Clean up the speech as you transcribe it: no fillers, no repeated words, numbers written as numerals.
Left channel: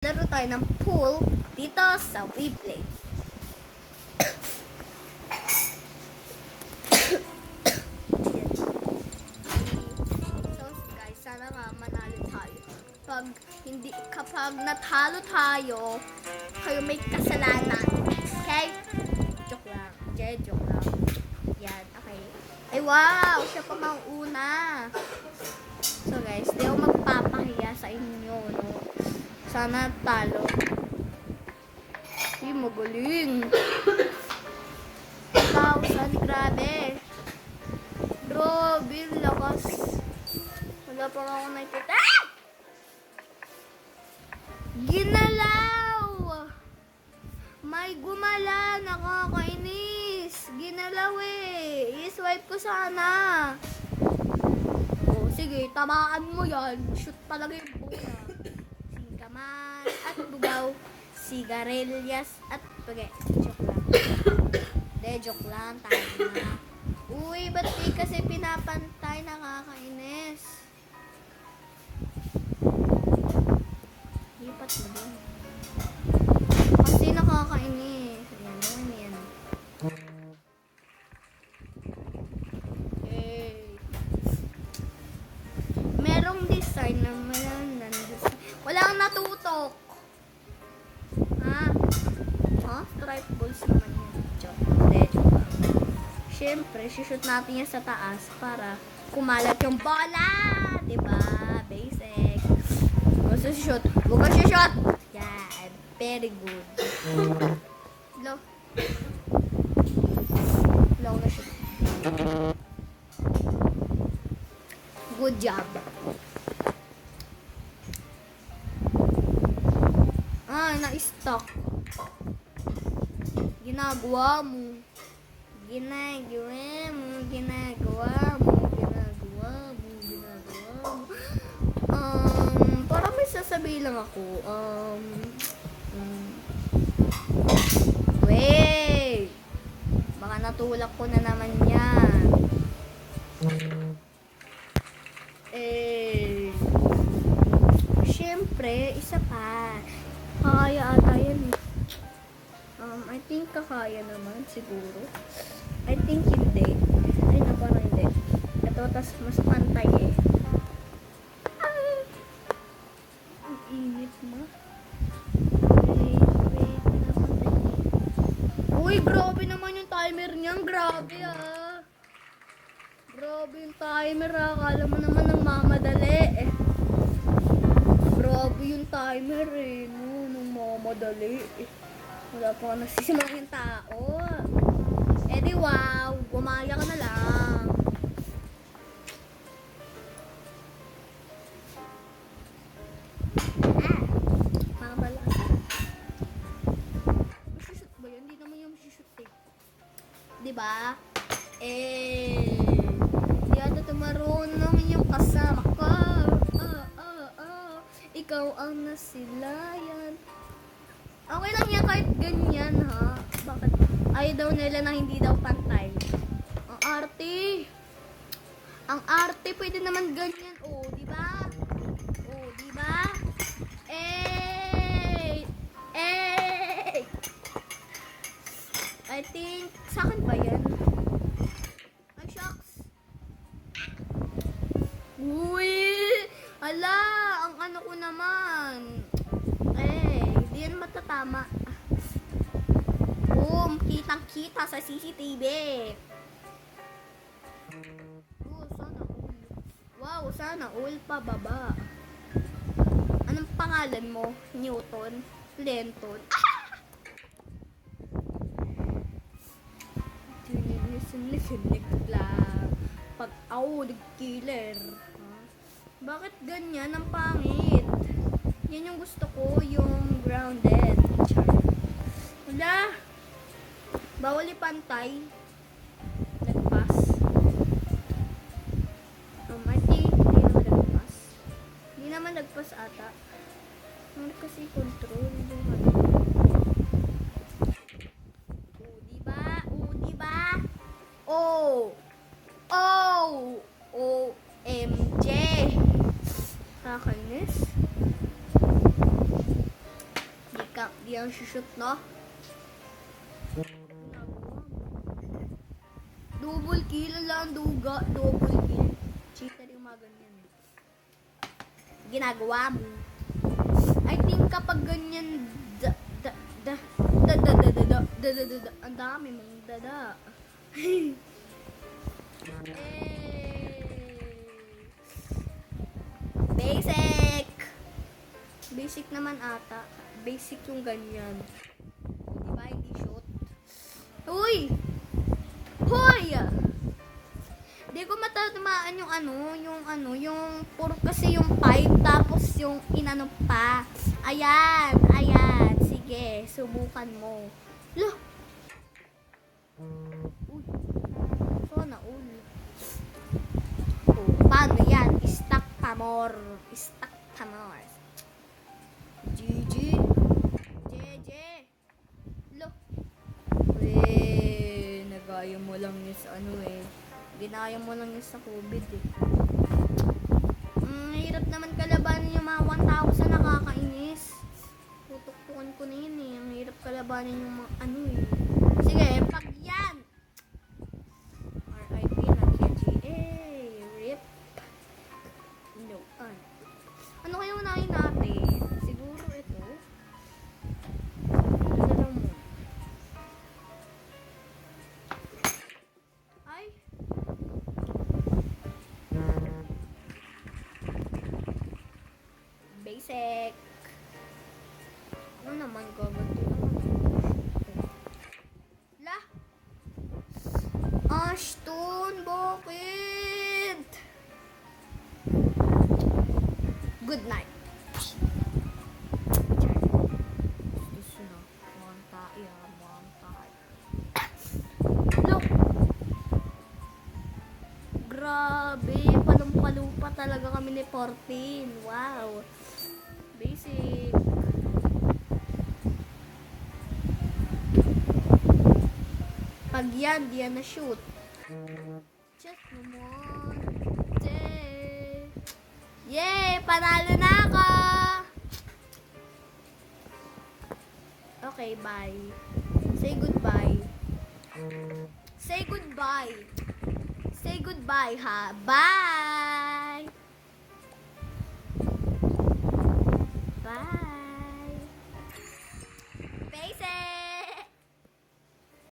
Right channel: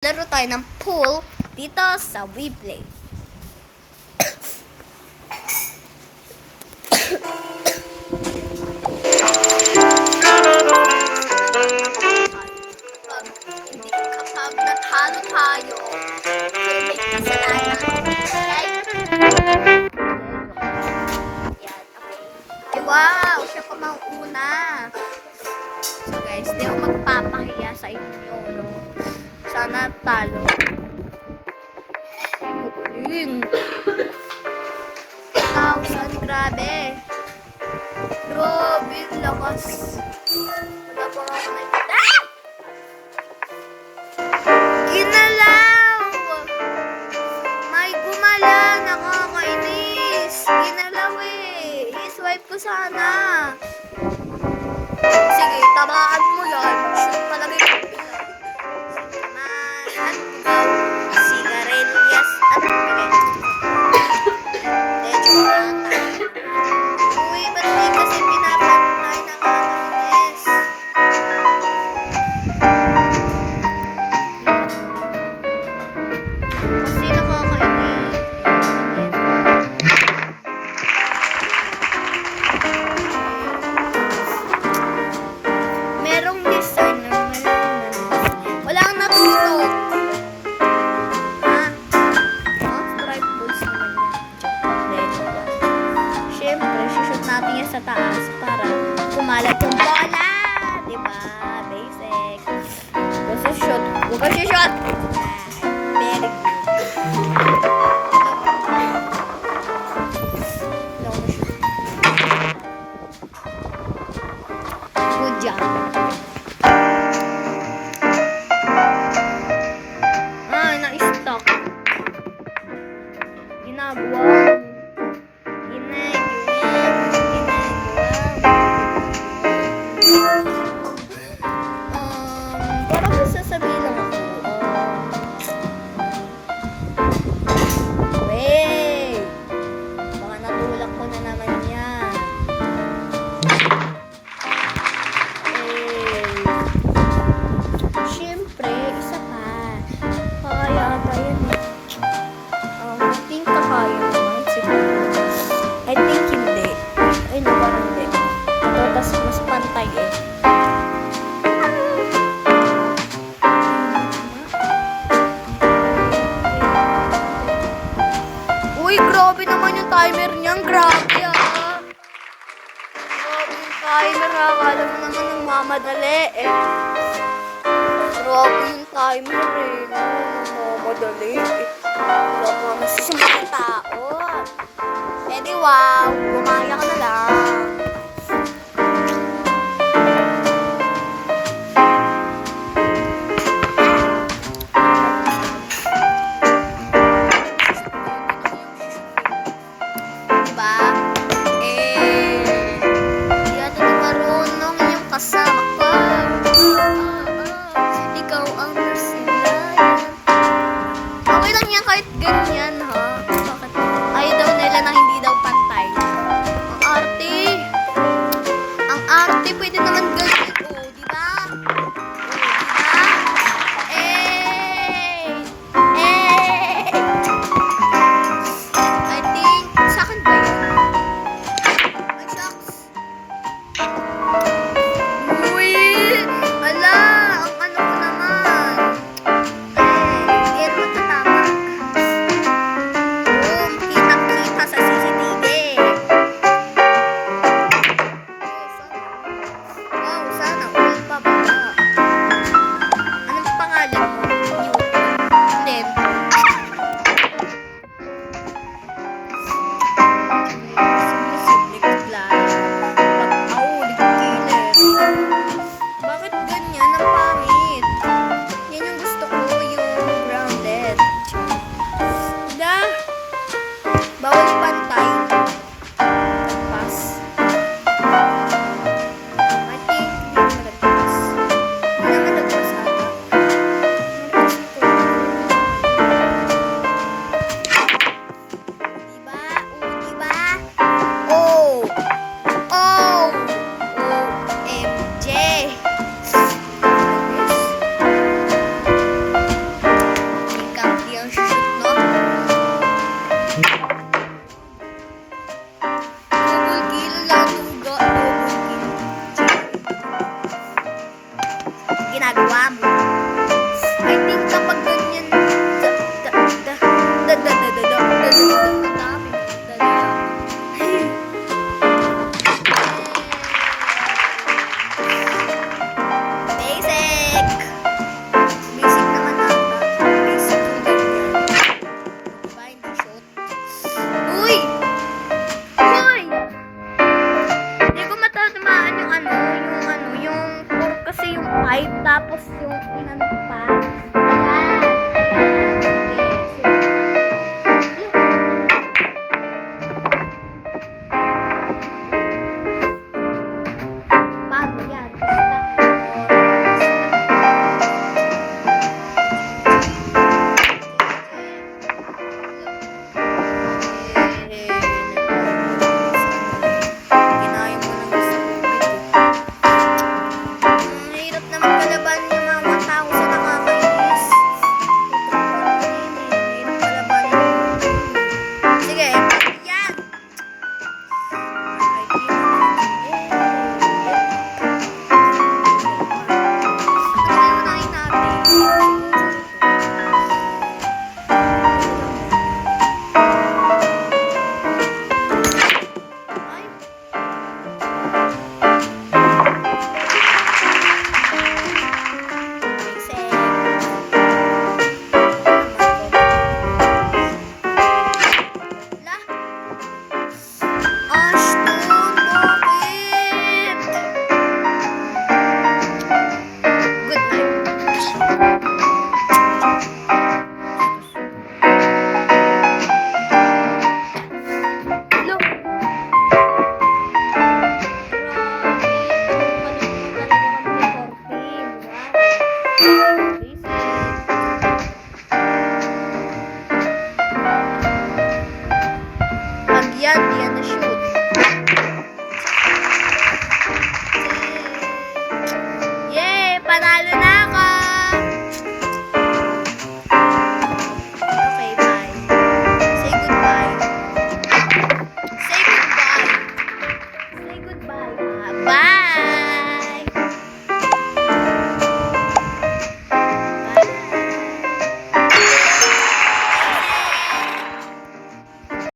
Laro tayo ng pool dito sa WePlay. Kapag natalo tayo, kayo may kasalanan. Okay? Yan, okay. Ay, wow! Siya pa mauna. So guys, di ako magpapahiya sa inyo, no? Sana talo. Ay, magaling. 1,000, grabe. Grabe, lakas. Wala pa ako may kita. Ah! Ginalaw! May gumala, nakakainis. Ginalaw eh. I-swipe ko sana. Sige, tamaan mo yan. Shoot palagi yung pila. Tamaan, bugaw, sigarilyas, at pagay. Joke lang tayo. Uy, ba't di kasi pinapantay ng nakakainis? Kasi nakakainis. Merong design na walang natutok. Ha? Oh, strike balls naman yan. Siyempre, shoot natin yan sa taas para kumalat yung bola. Diba? Basic. Huwag ka shoot. Huwag ka shoot. Very good. Hello na shoot. Good job. Na-stuck. Ginagawa mo. Parang sasabihin lang ako. Wait. Baka natulak ko na naman yan. Siyempre, isa pa. Kaya ata yan eh. I think kakaya naman siguro. I think hindi. Ay, no, parang hindi. Ito, tas mas pantay eh. Uy, grabe naman yung timer niyan. Grabe ah. Grabe yung timer ah. Akala mo naman ng mamadali eh. Grabe yung timer eh. Namamadali eh. Wala pa masisimula ng tao. Eh di wow, gumaya ka na lang. Diba? Di ata di marunong yung kasama ko. Ikaw ang nasilayan. Okay lang yan kahit ganyan ha. Bakit? Ayaw daw nila na hindi daw pantay. Ang arte. Ang arte pwede naman ganyan. Oh, di ba? Oh, di ba? I think sa akin pa yun. Ay, shucks. Uy! Ala! Ang ano ko naman. Hindi yan matatama. Boom! Kitang-kita sa CCTV. Wow, sana all pa ba? Anong pangalan mo? Newton? Hindi. Sumisiblip lang. Pag-aulig killer. Bakit ganyan ang pangit? Yan yung gusto ko, yung grounded. Wala. Bawal pantay. Pass. I think hindi naman nagpas. Hindi naman nagpas ata. I think kapag ganyan, ang dami. Hey. Basic. Basic naman ata. Basic yung ganyan. Diba, hindi shoot. Uy! Hoy! Hindi ko matatamaan yung kasi yung 5 tapos yung inano pa. Ayan. Sige, subukan ko. Paano yan? Stack ginaya mo ng gusto ko. Ang hirap naman kalaban yung mga 1,000 nakakainis. Hirap kalabanin yung sige, yan! Ashton, bakit? Good night. Look. Grabe, palit mo talaga kami ni Corpin. Wow. Basic. Pag yan, di yan na shoot. Yay! Panalo na ako! Okay, bye. Say goodbye. Say goodbye. Say goodbye, ha? Bye!